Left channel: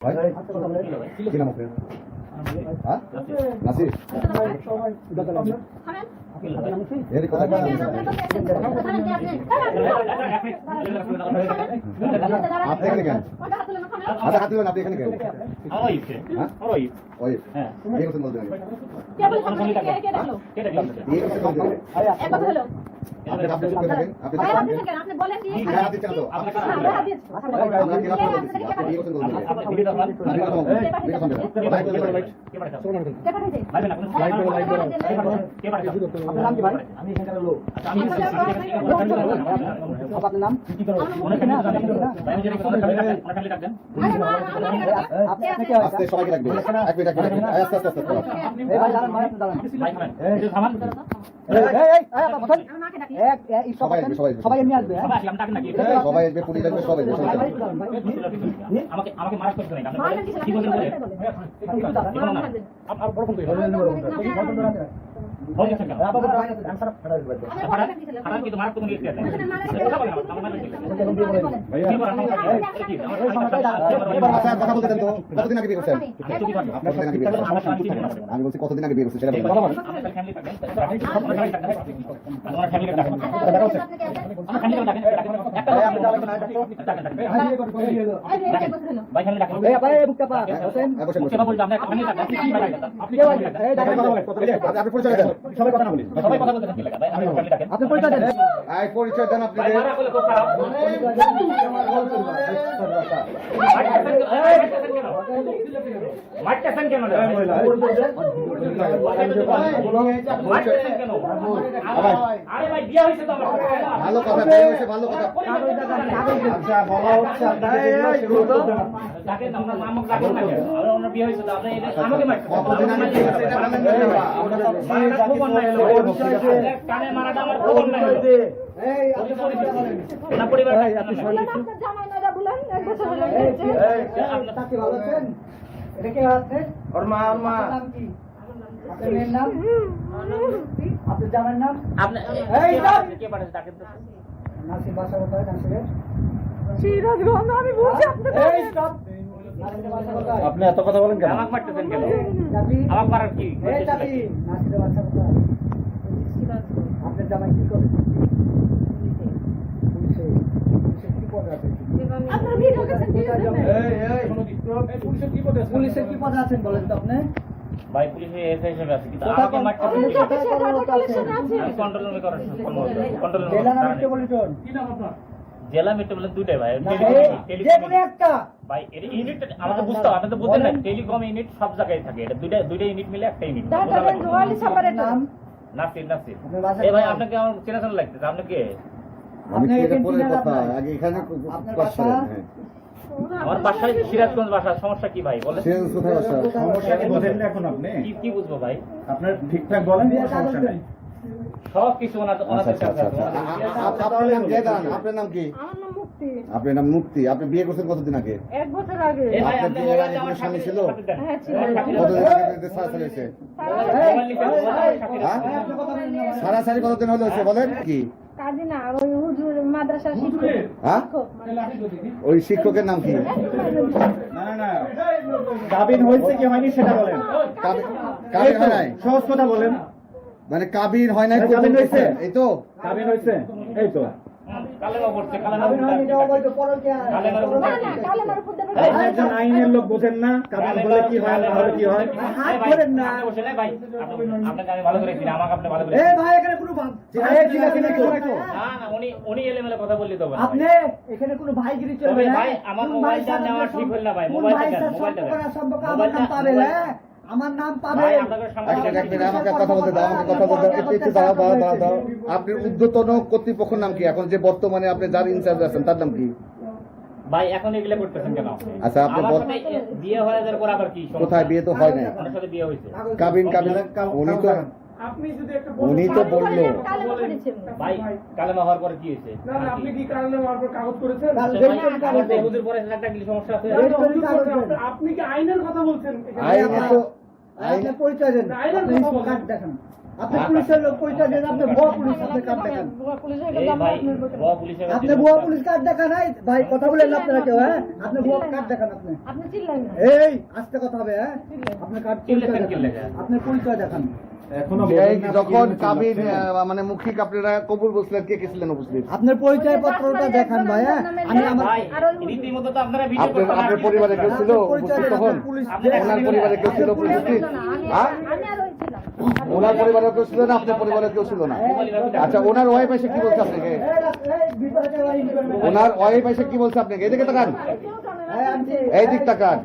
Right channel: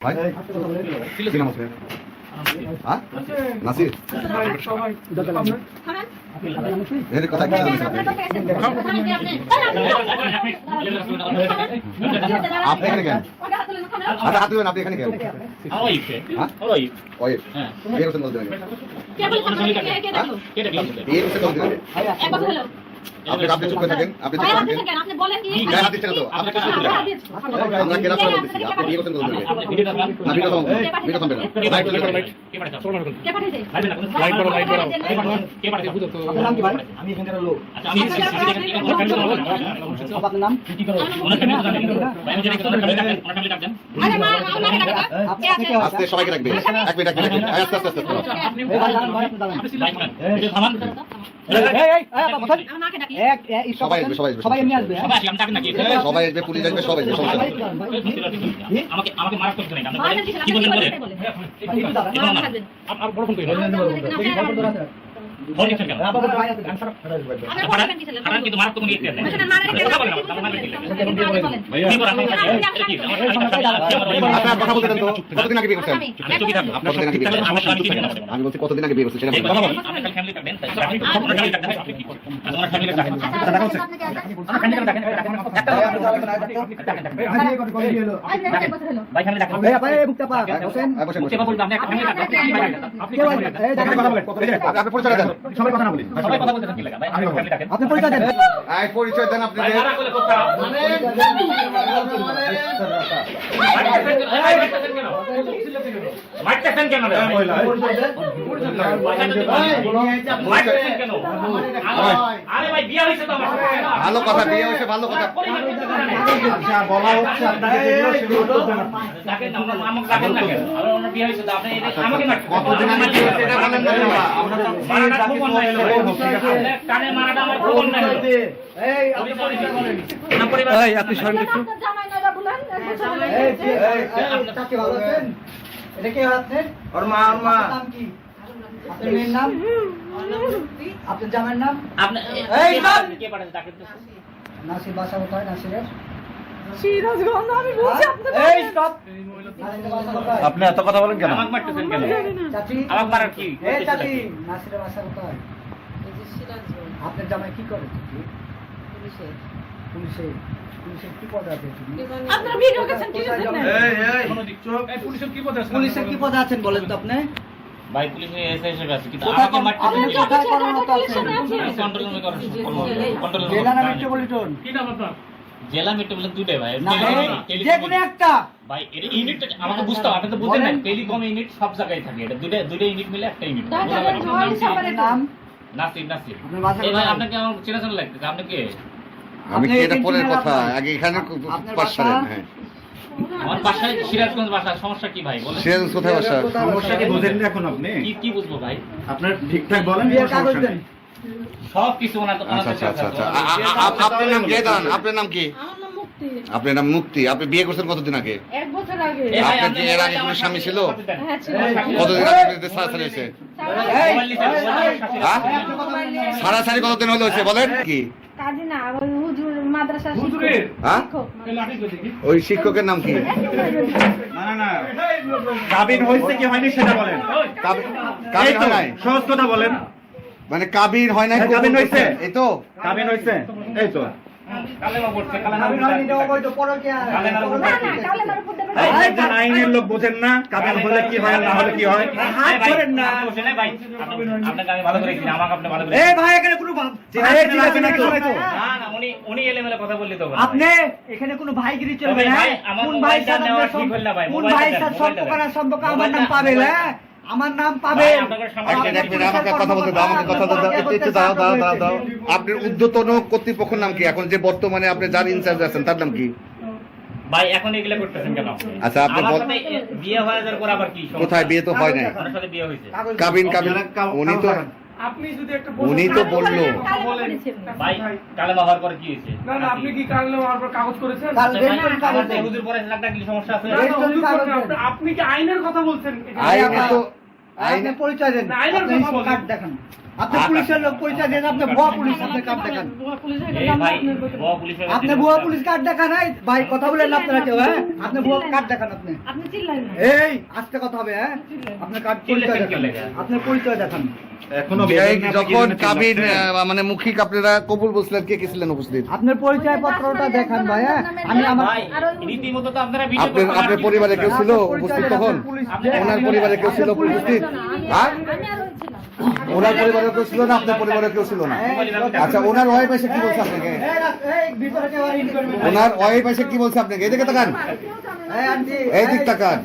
ভাই কি নাম আছে? হ্যাঁ নাসির এর কথা কি আপনি এখানে কেন? আচ্ছা হাত দিবেন, আপনি এখানে কেন? ওই এই কথা বলতে হবে। এই কথা বলতে হবে। আপনি চুপ করে থাকেন, আপনি চুপ করে থাকেন। আপনি বলেন কি গায়ে হাত দিচ্ছেন তো আপনি চুপ করে থাকেন। আমরা কেন কথা বলতেছি? আপনি এই কথা বলতে হবে। আপনি ভিডিও থামান, ভিডিও থামান। লাইভ করে কে পাঠাইছে? কে পাঠাইছে? লাইভ করো কে পাঠাইছে? আমি এখানকার লোক। আচ্ছা আমি আপনার নাম কি করে ওনার ফ্যামিলি জানেন ভাই আমি জানি ওনার ফ্যামিলি ডাকবেন আরে মা আমাকে ডাকো কে আছে? আস্তে সবাইকে রাখবেন। এক মিনিট আস্তে আস্তে আপনি ভাই একটু থামান আমাকে ডাকি সবাই আসবে সবাই এমনি আসবে। সবাই আমি ডাকেন নাকি সবাই আসবে, পুলিশ আসবে, সবাই আসবে, সমস্যা নেই। আমাকে আমাকে মারাক করতে নাই আপনি বলেন কি বলেন বলেন আর বড় ফোন কই ফোন দিচ্ছেন কেন কারণ কিন্তু মারাক তো নিয়ে এসেছেন কথা বলেন আমার মানে কি কি বলেন আপনার কথা বলতে দেন তো, কতদিন আগে বিয়ে করছেন? চুপি থাকুন আপনার কতদিন আগে বিয়ে করছেন? আমি বলছি কতদিন আগে বিয়ে করছেন সেটা বলুন। আপনার ফ্যামিলি ডাকবেন আপনি ওনার ফ্যামিলি ডাকবেন আপনি কি করেন ওনার ফ্যামিলি ডাকেন আমার ফ্যামিলি ডাকেন একটা ভাই ফ্যামিলি ডাকেন ভাই মুক্তা পা হোসেন বসেন বসেন। সেবা বলতে আপনি একটা ফ্যামিলি ডাকেন আপনি আপনি পরিচয় দেন। সবাই কথা না বলি। সবাই কথা বলতেছেন কি লাগা ভাই আমি ফ্যামিলি ডাকেন আপনি পরিচয় দেন। আই পরিচয় দেন আপনি। ভাই মারা করলে খুব খারাপ মারতেছেন কেন মারতেছেন কেন আরে ভাই বিয়ে হয়েছে তো আমার ভালো কথা, বিয়ে হয়েছে ভালো কথা। আচ্ছা বলা হচ্ছে আপনাকে যেগুলো সেগুলো করবেন আপনি। ডাকেন না ওনার নামক ডাকেন না কেন আর ওনার বিয়ে হয়েছে তো আপনি আমাকে মারতেছেন কতদিন আগে বিয়ে হয়েছে এটা বলেন না। মারাটা খুব অন্যায় হলো কানে মারাটা আমার খুব অন্যায় হলো এই আপনি পরিচয় করেন। না পরিবার এই আপনি শান্তি একটু। জামাই না বলেন এক বছর হলো এই চাচি ভালো আছেন? এটা কে আপনি? ওর মা নাম কি? আপনার মেয়ের নাম? আপনার জামাইয়ের নাম? আপনি এই নাম! কে পাঠান ডাকেন তো নাসির বাসা কোথায় নাসিরের? সিরাজগঞ্জ আমি বলছি এই স্টপ! নাসিরের বাসা কোথায়? আপনি এত কথা বলেন কেন? আমাকে মারতেছেন কেন চাচি? আমাকে মারার কি এই চাচি, নাসিরের বাসা কোথায়? আপনার জামাই কি করে? পুলিশে। পুলিশে কি পদে আছে? আপনারা ভিডিও করছেন কি কোথায় জামাই? পুলিশের কি পদে আছেন বলেন তো আপনি? ভাই পুলিশে এসে হিসেবে আছে কিন্তু কোথায় আমাকে মারতেছেন আপনি কেন? কোথায় কর্মরত আছেন? কন্ট্রোল রুমে করেন কন্ট্রোল জেলা না রুমে মেট্রোপলিটন? জেলা মেট্রোপলিটন দুইটাই ভাই না, যে কোনো একটা। ভাই এটা ইউনিট আমাকে বুঝতে হবে আপনি তো বুঝেন না টেলিকম ইউনিট সব জায়গায় থাকে এটা দুইটা ইউনিট মিলে একটা ইউনিট নাম? নাসির নাসির আপনার বাসা এই ভাই কোথায়? আপনাকে আমার চেনা চেনা লাগতেছে আপনি কে আমি কি এটা আপনি পরের এখানে কথা, আপনার- আগে এখানে আপনার পাশারেন। বাসা? হ্যাঁ আমার বাসায় সিরাজগঞ্জ বাসা সমস্যা কি ভাই বলেন সিরাজ কোথায় বাসা? সমস্যা কি বুঝেন না এখন আপনি? কি বুঝবো ভাই আপনার ঠিকঠাক বলেন, কোনো বিয়ের কাগজ সমস্যা দেন। নেই। সব কিছু ওনাদের আচ্ছা আচ্ছা আচ্ছা আপনার নাম কি? দাঁড়ান, আপনার নাম কি? আমার নাম মুক্তি আপনার নাম মুক্তি। আপনি বিয়ে করছেন কতদিন আগে? এক বছর আগে এই ভাই, আপনার কি আপনি এর আগে কোনো স্বামী ছিল? হ্যাঁ ছিল কতদিন আগে বিয়েতে ছাড়াছাড়ি হয়েছে? হ্যাঁ ছাড়াছাড়ি কতদিন হলো হয়েছে বলেন কি? কাজী না ওই হুজুর মাদ্রাসা শিক্ষক হ্যাঁ ওই শিক্ষকের নাম কি? না না না, কাবিন হয়েছে কি হয়নি সেটা বলেন। কাবিন এই তো, হয় নাই? সহজ কথা বলেন। মানে কাবিন হয় নাই? হ্যাঁ, কাবিন হয়েছে। এই তো কাবিন হয়েছে, এই তো। কালেমা পড়ছে আপনি হয়নি, এটা অবৈধ পরকীয়া। না না কালেমার উপর দেবে এই একজন আইনের লোক বোঝেন না, কাবিন হলে কি হয় আর না হলে কি হয়। হাত ধরেন না। ভাই আপনাকে আমি ভালো করে চিনি আমাকে আপনি ভালো করে এই ভাই এখানে কোনো এই ঠিক আছে না তো? না না উনি এলেমেলে কথা বললি তো ভাই। আপনি এখানে কোনো ভাইগিরি চলবে তবে না। ভাই, আমার কোন মোবাইলটা ভাইয়ের নেওয়া সাথে ঠিক হলো না ভাই, কোন মোবাইলটা ভাইয়ের দেন, সাথে মোবাইলটা সম্পর্ক দেন। না সম্পর্ক আমার মোবাইলটা- নাম পাবে মোবাইল- হ্যাঁ আমার নাম ভাই, পাবে আপনাদের সামনে- এক মিনিট, আমাকে কথা বলতে দাও, আমাকে কথা বলতে দাও। একটু দাও। আপনার ঊর্ধ্বতন কর্তৃপক্ষের নাম কি? এখন যে বর্তমানে আপনি যার ইনচার্জ আছেন তার নাম কি? ভাই এখন এগুলা করতেছেন কেন আচ্ছা, আপনি আমার বল- সাথে বিয়ে হয়ে যাওয়ার পর আবার কি সমস্যা? কোথায়? বিয়ে তো হয় নাই। ওনার সাথে বিয়ে হয়েছে কাবিন উনি তো বললো। ভাই কালেমা হওয়ার পরে কি হয়েছে আপনি কি কাল নেওয়ার পর কাগজ করেছেন? কাল ভাই, রেস্টুরেন্ট আমার কাগজ যে দেন। হুজুর পরে একটা কি সমস্যা আছে না, না, রেস্টুরেন্ট হুজুর কাগজ করছেন। দেন। আপনি কি আইনের কথা বলছেন? আইনে তো আপনি পরিচয় দেন না, আইনের আপনি কথা বলেন। কার্ড দেখান আপনি পুলিশের লোক পরিচয় দেন, আপনি ভুয়া পুলিশ, আপনি কার্ড দেখান। এই ভাই ও পুলিশের আপনি ভুয়া পুলিশ কার্ড দেখান। এই ভাই কথা বলেন না আপনারা কেউ, হ্যাঁ? আপনি ভুয়া কার্ড দেখান আপনি। আপনি চিল্লাইন না। এই আস্তে কথা হবে, হ্যাঁ? আপনি কার্ড পরিচয় দেখান, আপনি পরিচয় দেখান। এখনো এই যখন কাবিন মানে মুখিক আপনারা কবুল বলছিলেন, কে কে ছিলেন উপস্থিত? আপনার পরিচয় পত্রটা দেখান ভাই, হ্যাঁ? আমি আমার ভাই রীতিমতো তো আপনারা ভিডিও আপনার পরিবারে কেউ ছিল উপস্থিত তখন? আপনার পরিবারে কেউ ছিল উপস্থিত? হ্যাঁ? আমি আর ওই ছিলাম। ওনার পরিবারে কেউ ছিল না, আপনার পরিবারে কেউ ছিল না? আচ্ছা, ওনার ওয়াইফ এসে কি বলছে আপনাকে? এই ভিতরে কেউ আর ইন করবে না। ওনার ওয়াইফ এসে কি বলছে আপনাকে? এদিকে তাকান, এই আন্টি, এই দিক তাকান।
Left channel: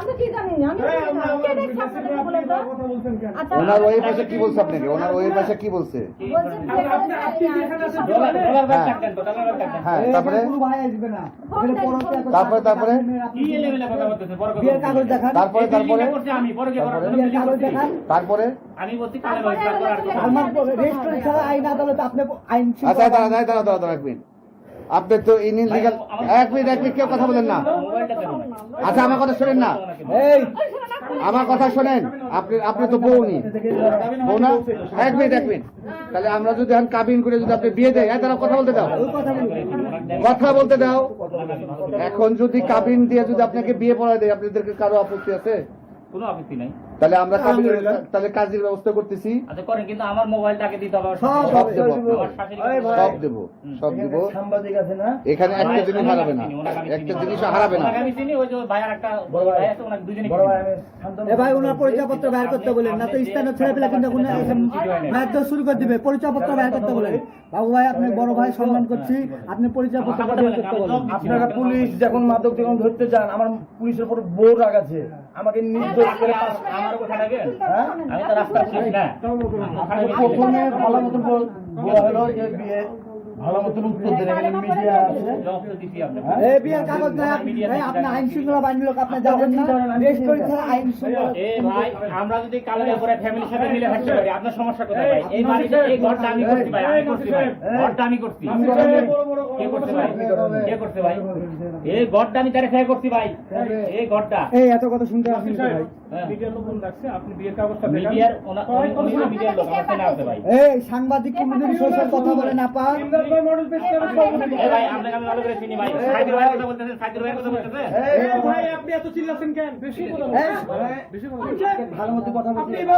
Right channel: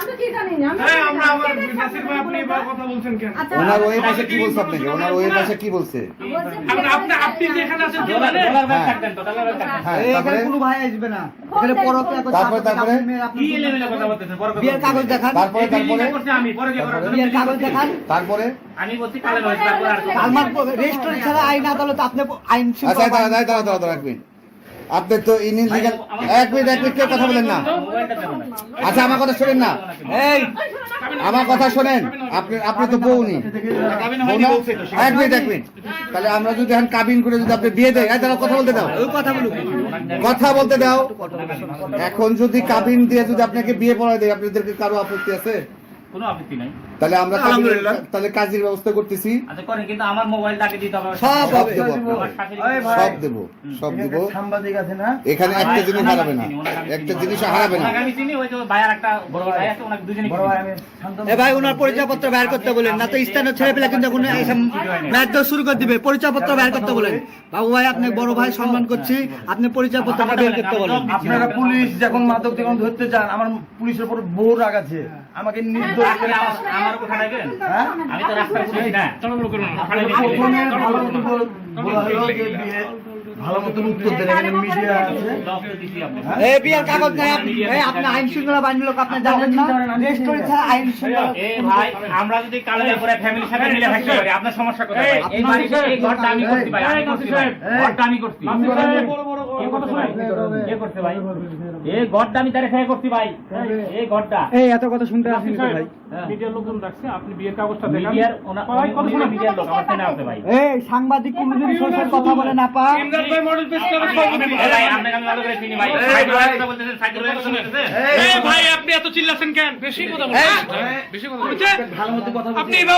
আমি কি জানি না। এই, আমরা আমার নাসির ভাই, আপনি এবার কথা বলছেন কেন? আচ্ছা, ওনার ওয়াইফ এসে কি বলছে আপনাকে? ওনার ওয়াইফ এসে কি বলছে? আপনি যে এখানে আছেন ডলার ব্যাগ থাকবেন তো ডলার ব্যাগ থাকবেন হ্যাঁ, এই এখানে তারপরে কোনো ভাই আসবে না। এখানে পরকিয়া করতে তারপরে? কি লেভেলে কথা বলতেছেন বড় বিয়ের কাগজ দেখান, তারপরে করতে আমি পরে যে করার জন্য বিয়ের কাগজ দেখান। তারপরে আমি বলছি কালে হয়েছে তারপর আর কথা আমার রেস্টুরেন্ট ছাড়া আইন আদালত আপনি আইন আচ্ছা শৃঙ্খলা দাঁড়া এক মিনিট। আপনি তো ইনলিগাল, এক মিনিট কেউ কথা বলেন না। মোবাইলটা দেবো না আচ্ছা, আমার কথা শোনেন না, এই আমার কথা শোনেন। আপনি তো বউনি, এক মিনিট। তাহলে আমরা যদি এখন কাবিন করে যদি আপনি বিয়ে দেয়, তাহলে কথা বলতে দাও, ওই কথা বলুন। কথা বলতে দাও। এখন যদি কাবিন দিয়ে যদি আপনাকে বিয়ে পড়ায় দেয়, আপনাদেরকে কারো আপত্তি আছে? কোনো আপত্তি নাই তাহলে আমরা তাহলে কাজের ব্যবস্থা করতেছি, আচ্ছা করেন কিন্তু আমার মোবাইলটাকে দিতে হবে সব হবে। আমার শাশুড়ি সব দেবো। সাংবাদিক আছে না? এখানে একটা জিনিস হারাবে না, একটা জিনিস হারাবে না। ওনাকে আমি চিনি ওই যে ভাইয়ার একটা বড় ভাই আছে ওনাকে দুজনে বড় ভাই আমি এ ভাই ওনার পরিচয়পত্র বের করতে বলেন, না তো স্থানীয় ছেলে পেলে কিন্তু কোনো ম্যাচ শুরু করে দিবে। পরিচয়পত্র বের করতে বলেন। বাবু ভাই, আপনি বড় ভাই সম্মান করছি, আপনি পরিচয়পত্রটা বের করতে বলেন। আপনারা পুলিশ যখন মাদক যখন ধরতে যান, আমার পুলিশের উপর বড় রাগ আছে, আমাকে নির্দোষ করে আমার কথা নেবেন হ্যাঁ? আমি তো রাস্তা পুলিশ না প্রথমে ভালো মতো বলা হলো যে বিয়ে ভালো মতো উত্তর দেন, এখানে মিডিয়া আছে। এই বিয়ের কাগজ নাই, এই আপনি আইন শৃঙ্খলা বাহিনীর লোক, আপনি জানেন না? রেস্টুরেন্ট ছাড়া আইন শৃঙ্খলা এ ভাই আমরা যদি কালের পরে ফ্যামিলির সাথে মিলে থাকতে পারি আপনার সমস্যা কোথায় ভাই? এই বাড়িতে এই ঘরটা আমি করতে ভাই, আমি করতে ভাই, ঘরটা আমি করতে। কে করতে ভাই? কে করতে ভাই? এই ঘরটা আমি তারে খেয়ে করতে ভাই, এই ঘরটা। এই এত কথা শুনতে আসেন তো ভাই। মিডিয়ার লোকজন রাখছে, আপনি বিয়ের কাগজটা দেখান। মিডিয়ার ওনা মিডিয়ার লোক আমার চেনা আছে ভাই। এই সাংবাদিক কোনদিন সোশ্যাল কথা বলে না পা। ইমরান ভাই মডেল পেজ করে এ ভাই আপনাকে আমি ভালো করে চিনি ভাই। সাইকেল ভাই কথা বলতেছেন, সাইকেল ভাই কথা বলতেছেন। এই ভাই, আপনি এত চিল্লাছেন কেন? বেশি কথা বলছেন, বেশি কথা বলছেন। ভালো মতো কথা বলছি। আপনি